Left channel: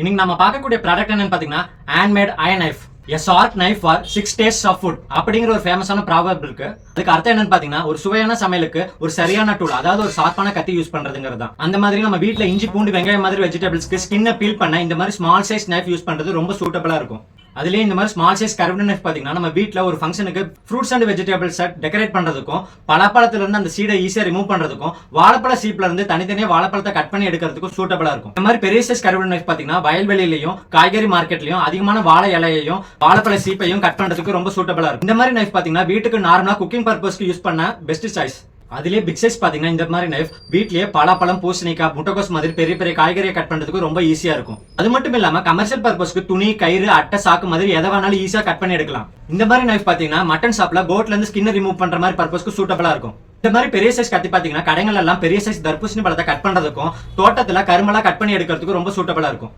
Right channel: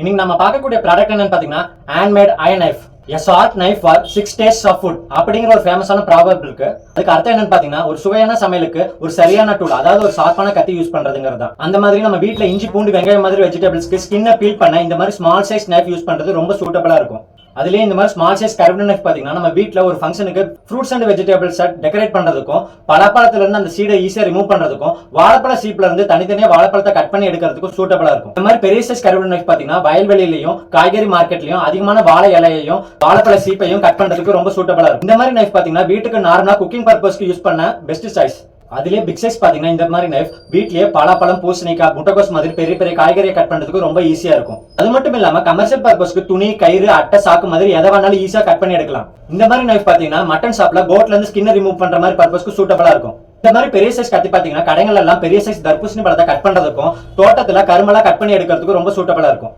இன்னைக்கு நம்ம பார்க்கக்கூடிய ப்ராடக்ட் என்னன்னு பாத்தீங்கன்னா handmade iron knife a sharp knife for 6 tastes of food அப்படிங்கிற ஒரு ஃபேமஸான ப்ராவர்ப் இருக்கு. அதுக்கு அர்த்தம் என்னன்னு பாத்தீங்கன்னா ஒரு சுவையான சமையலுக்கு ஒரு சரியான டூல், அதாவது ஒரு ஷார்ப்பான கத்தி யூஸ் பண்றதுங்கிறது தான். அந்த மாதிரி நம்ம வீட்ல இஞ்சி பூண்டு வெங்காயம் மாதிரி வெஜிடபிள்ஸ்க்கு ஸ்கின்னை பீல் பண்ண இந்த மாதிரி ஸ்மால் சைஸ் நைஃப் யூஸ் பண்றது ரொம்ப சூட்டபிளா இருக்கும். அதுலயே இந்த மாதிரி ஸ்மால் சைஸ் கர்வ்டு நைஃப் பாத்தீங்கன்னா நம்ம வீட்ல ஒரு ஃபங்க்ஷனுக்கு ஃப்ரூட்ஸ் அண்ட் வெஜிடபிள்ஸ் டெக்கரேட் பண்றதுக்கும், பலாப்பழத்துல இருந்து அந்த சீடை ஈஸியா ரிமூவ் பண்றதுக்கும், வாழைப்பழ சீப்ல இருந்து தனித்தனியா வாழைப்பழத்தை கட் பண்ணி எடுக்கிறதுக்கும் சூட்டபிளா இருக்கும். இந்த மாதிரி பெரிய சைஸ் கர்வ்டு நைஃப் பாத்தீங்கன்னா வயல்வெளியிலையும் காய்கறி மார்க்கெட்லயும் அதிகமான வாழை இலையையும் வாழைப்பழ சீப்பையும் கட் பண்றதுக்கு ரொம்ப சூட்டபிளா இருக்கும். இந்த மாதிரி நைஃப் பாத்தீங்கன்னா வீட்டுக்கு நார்மலா குக்கிங் பர்பஸ்க்கு யூஸ் பண்ண பெஸ்ட் சாய்ஸ். அதுலயே பிக் சைஸ் பாத்தீங்கன்னா இந்த மாதிரி நைஃப் வீட்லயே பலாப்பழம், பூசணிக்காய், முட்டைக்கோஸ் மாதிரி பெரிய பெரிய காய்கறியை கட் பண்றதுக்கு ரொம்ப ஈஸியா இருக்கும். அது மட்டும் இல்லாம கமர்ஷியல் பர்பஸ்க்கு துணி, கயிறு, அட்டை, சாக்கு மாதிரி எதை வேணாலும் ஈஸியா கட் பண்ணி எடுக்கலாம். இந்த மாதிரி நைஃப் பாத்தீங்கன்னா மட்டன் ஷாப்ல கோட்ல இருந்து ஸ்கின்னை ரிமூவ் பண்ற மாதிரி பர்பஸ்க்கு சூட்டபிளா இருக்கும். இந்த மாதிரி பெரிய சைஸ் கத்தி பாத்தீங்கன்னா கடைகள் எல்லாம் பெரிய சைஸ் தர்பூசணி பழத்தை கட் பண்றதுக்கும், தோட்டத்துல கரும்பெல்லாம் கட் பண்ணி எடுக்கிறதுக்கு ரொம்ப சூட்டபிளா இருக்கும்.